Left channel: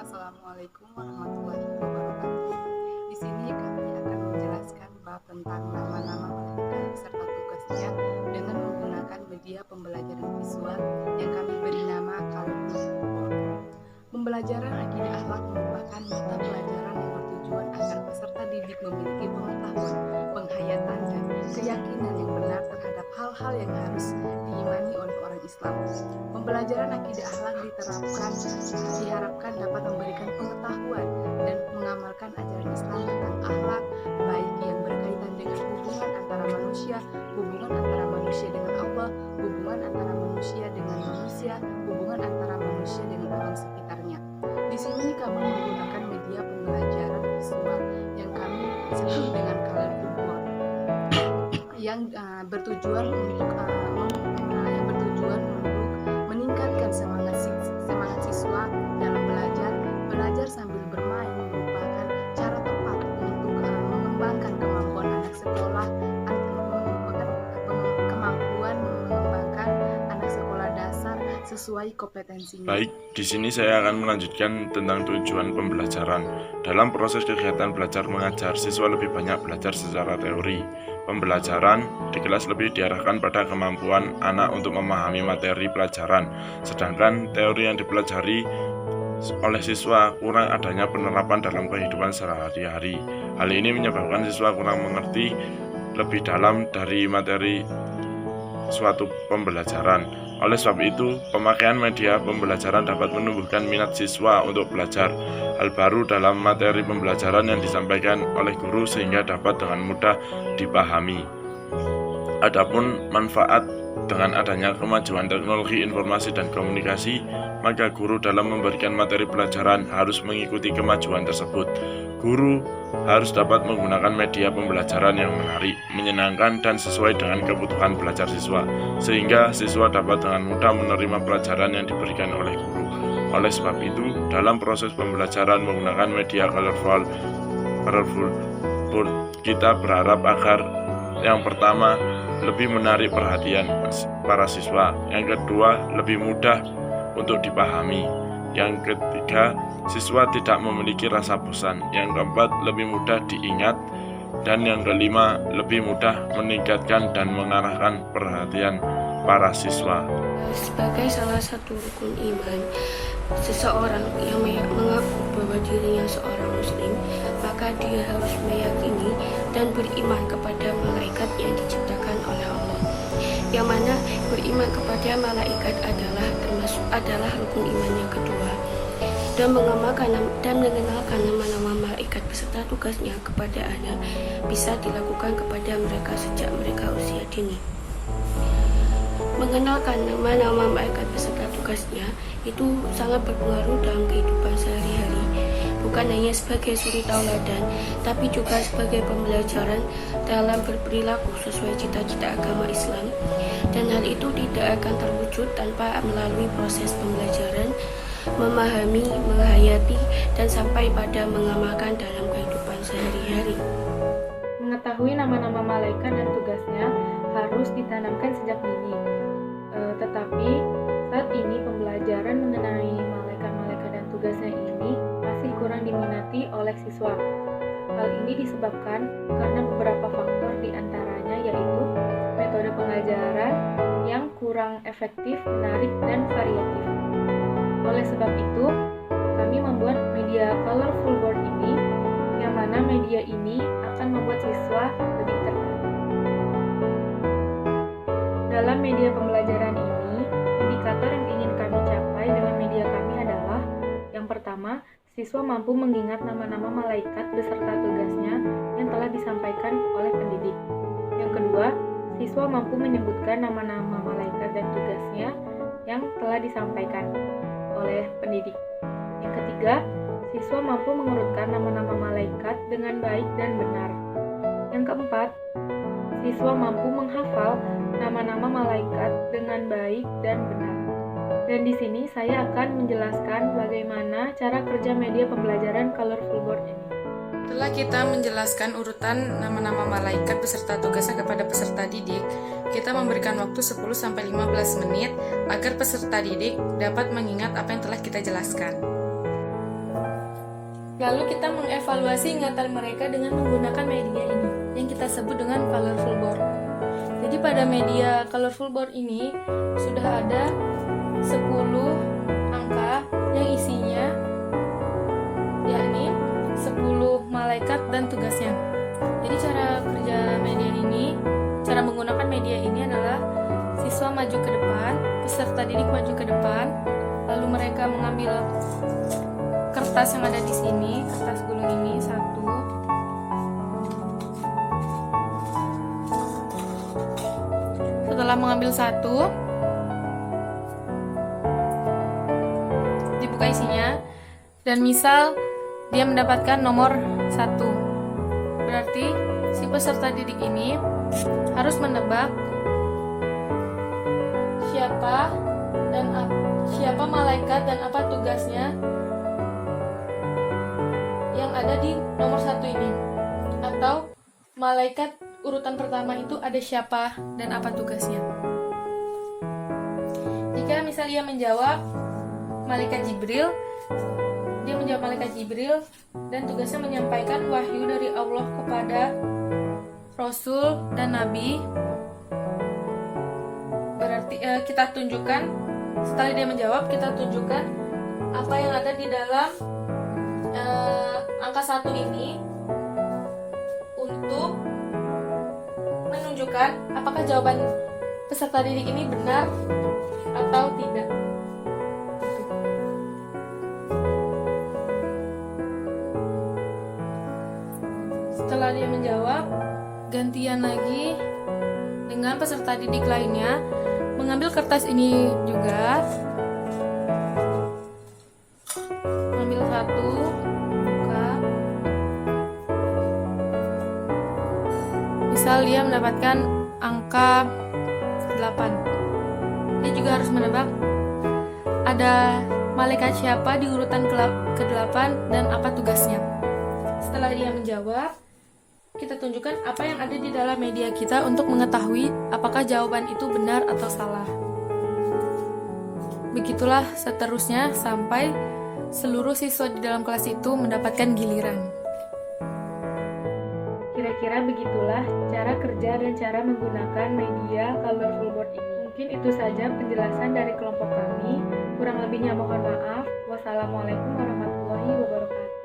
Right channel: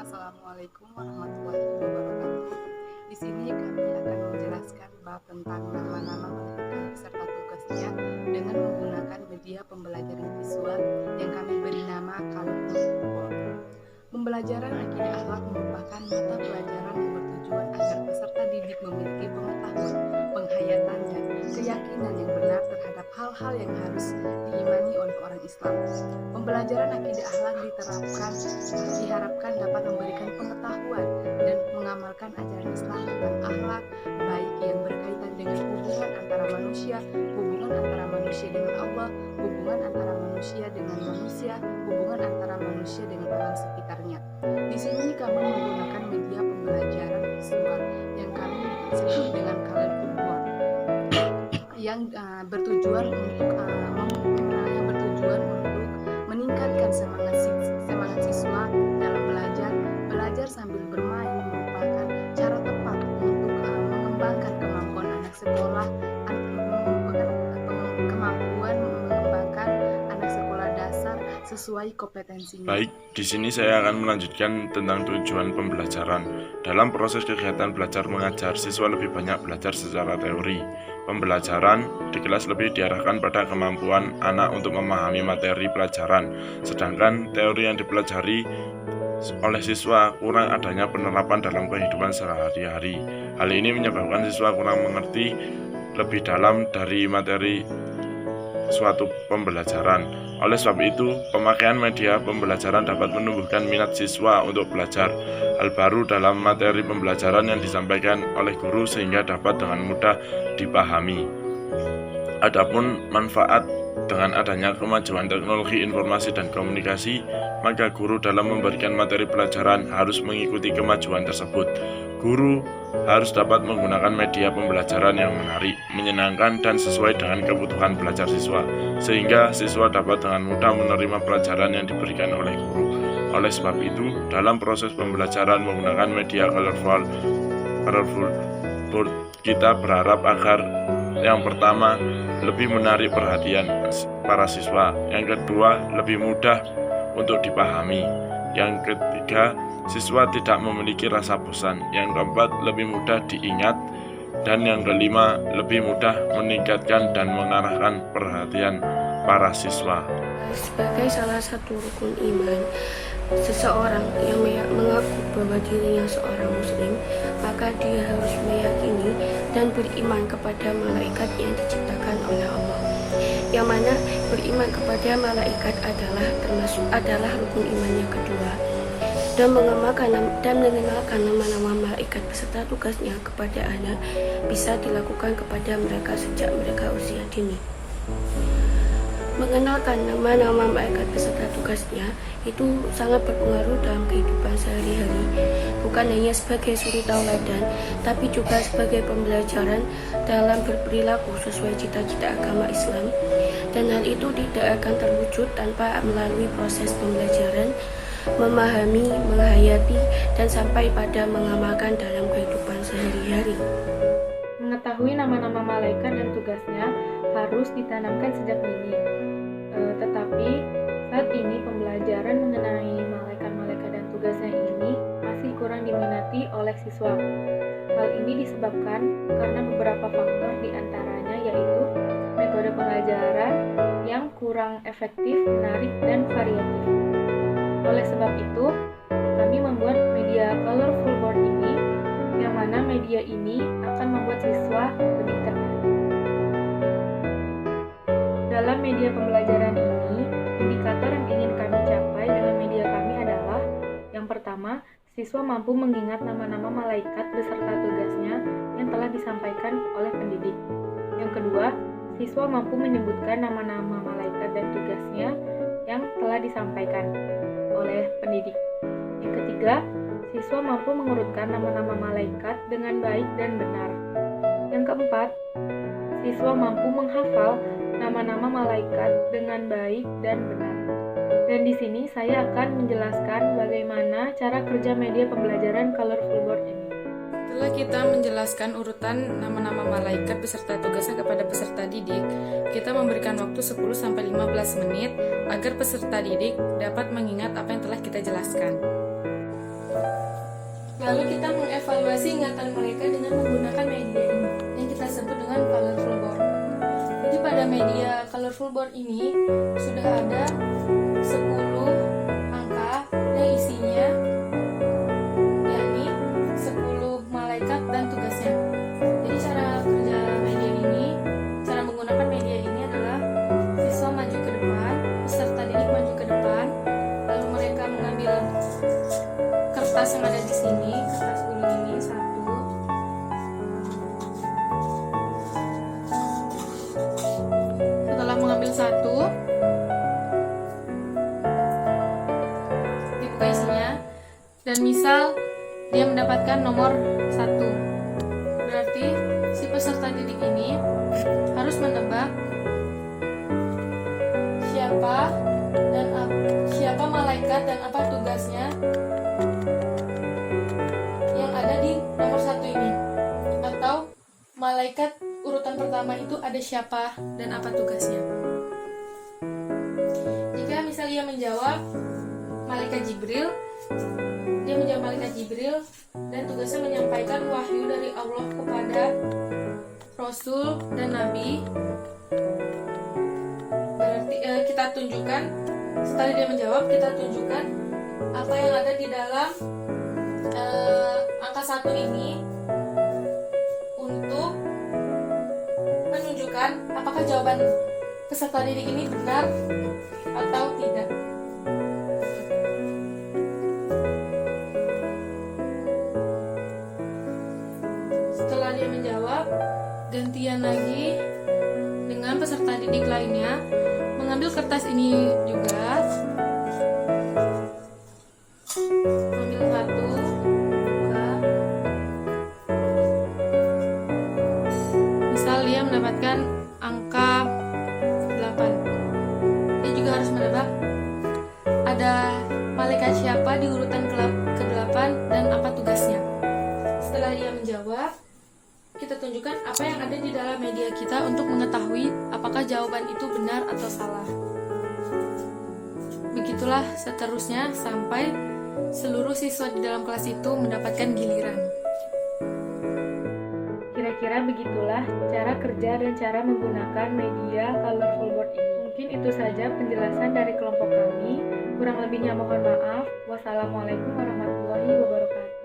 Assalamualaikum warahmatullahi wabarakatuh. Di sini kami akan menjelaskan bab tentang nama-nama malaikat serta tugasnya dengan menggunakan media pembelajaran visual yang kami beri nama Colorful Board. Pembelajaran akidah akhlak merupakan mata pelajaran yang bertujuan agar peserta didik memiliki pengetahuan, penghayatan, dan keyakinan yang benar terhadap hal-hal yang harus diimani oleh orang Islam. Pembelajaran akidah akhlak diharapkan dapat memberikan pengetahuan dan mengamalkan ajaran Islam tentang akhlak, baik yang berkaitan dengan hubungan antara manusia dengan Allah, hubungan antara manusia dengan manusia, hubungan antara manusia dengan alam sekitarnya. Di sini kami menggunakan media pembelajaran visual yang kami sebut dengan Colorful Board yang bertujuan untuk meningkatkan semangat siswa dalam belajar sambil bermain merupakan cara tepat untuk mengembangkan kemampuan anak sekolah dasar sesuai kompetensinya. Baik, di sini saya akan melanjutkan tentang tujuan pembelajaran. Dalam proses kegiatan belajar mengajar, siswa lebih banyak belajar secara teori. Pembelajaran di kelas lebih diarahkan pada kemampuan anak untuk memahami materi pelajaran, sedangkan teori yang dipelajari oleh siswa kurang adanya penerapan dalam kehidupan sehari-hari. Hal ini menyebabkan siswa kurang mengerti lebih dalam dari materi suatu pembelajaran. Oleh sebab itu, pemakaian media pembelajaran dapat menumbuhkan minat siswa untuk belajar hal baru dalam materi pembelajaran yang disampaikan oleh guru sehingga dapat dengan mudah dipahami. Adapun manfaat dengan adanya kemajuan teknologi informasi dan komunikasi, maka guru dalam memberikan materi pelajaran harus mengikuti kemajuan tersebut. Guru harus dapat menggunakan media pembelajaran yang menarik, menyenangkan, dan sesuai dengan kebutuhan belajar siswa, sehingga siswa dapat dengan mudah menerima pelajaran yang diberikan oleh guru. Oleh sebab itu, dalam proses pembelajaran menggunakan media colorful board, kita berharap agar yang pertama, lebih menarik perhatian para siswa. Yang kedua, lebih mudah untuk dipahami. Yang ketiga, siswa tidak memiliki rasa bosan. Yang keempat, lebih mudah diingat. Dan yang kelima, lebih mudah meningkatkan dan mengarahkan perhatian para siswa. Sebagai salah satu rukun iman, seseorang yang mengaku bahwa dirinya seorang muslim, maka dia harus meyakini dan beriman kepada malaikat yang diciptakan oleh Allah. Yang mana beriman kepada malaikat adalah rukun iman yang kedua. Dan mengenalkan nama-nama malaikat beserta tugasnya kepada anak bisa dilakukan kepada mereka sejak mereka usia dini. Mengenalkan nama-nama malaikat beserta tugasnya itu sangat berpengaruh dalam kehidupan sehari-hari, bukan hanya sebagai suri tauladan, tapi juga sebagai pembelajaran dalam berperilaku sesuai cita-cita agama Islam. Dan hal itu tidak akan terwujud tanpa melalui proses pembelajaran, memahami, menghayati, dan sampai pada mengamalkan dalam kehidupan sehari-hari. Mengetahui nama-nama malaikat dan tugasnya harus ditanamkan sejak dini. Tetapi saat ini pembelajaran mengenai malaikat-malaikat dan tugasnya ini masih kurang diminati oleh siswa. Hal ini disebabkan karena beberapa faktor diantaranya yaitu metode pengajaran yang kurang efektif, menarik, dan variatif. Oleh sebab itu, kami membuat media Colorful Board ini, yang mana media ini akan membuat siswa lebih tertarik. Dalam media pembelajaran ini, indikator yang ingin kami capai dengan media kami adalah: yang pertama, siswa mampu mengingat nama-nama malaikat beserta tugasnya yang telah disampaikan oleh pendidik. Yang kedua, siswa mampu menyebutkan nama-nama malaikat dan tugasnya yang telah disampaikan oleh pendidik. Yang ketiga, siswa mampu mengurutkan nama-nama malaikat dengan baik dan benar. Yang keempat, siswa mampu menghafal nama-nama malaikat dengan baik dan benar. Dan di sini saya akan menjelaskan bagaimana cara kerja media pembelajaran Colorful Board ini. Setelah kita menjelaskan urutan nama-nama malaikat beserta tugasnya kepada peserta didik, kita memberikan waktu 10-15 menit agar peserta didik dapat mengingat apa yang telah kita jelaskan. Lalu kita mengevaluasi ingatan mereka dengan menggunakan media ini yang kita sebut dengan colorful board. Jadi pada media colorful board ini sudah ada 10 angka yang isinya yakni 10 malaikat dan tugasnya. Jadi cara kerja media ini, cara menggunakan media ini adalah siswa maju ke depan, peserta didik maju ke depan, lalu mereka mengambil kertas yang ada di sini, kertas gulung ini satu. Setelah mengambil satu, dibuka isinya, dan misal dia mendapatkan nomor 1. Berarti si peserta didik ini harus menebak siapa malaikat dan apa tugasnya yang ada di nomor 1 ini, atau malaikat urutan pertama itu ada siapa dan apa tugasnya. Jika misal dia menjawab malaikat Jibril, dia menjawab malaikat Jibril dan tugasnya menyampaikan wahyu dari Allah kepada Rasul dan Nabi. Berarti kita tunjukkan, setelah dia menjawab, kita tunjukkan apa yang ada di dalam angka 1 ini untuk menunjukkan apakah jawaban peserta didik ini benar atau tidak. Setelah dia menjawab, gantian lagi dengan peserta didik lainnya mengambil kertas ini juga, ambil satu, buka. Misal dia mendapatkan angka 8, dia juga harus menebak ada malaikat siapa di urutan ke-8 dan apa tugasnya. Setelah dia menjawab, kita tunjukkan apa yang ada di dalam media kita untuk mengetahui apakah jawaban itu benar atau salah. Begitulah seterusnya sampai seluruh siswa di dalam kelas itu mendapatkan giliran. Kira-kira begitulah cara kerja dan cara menggunakan media colorful board ini. Mungkin itu saja penjelasan dari kelompok kami. Kurang lebihnya mohon maaf. Wassalamualaikum warahmatullahi wabarakatuh.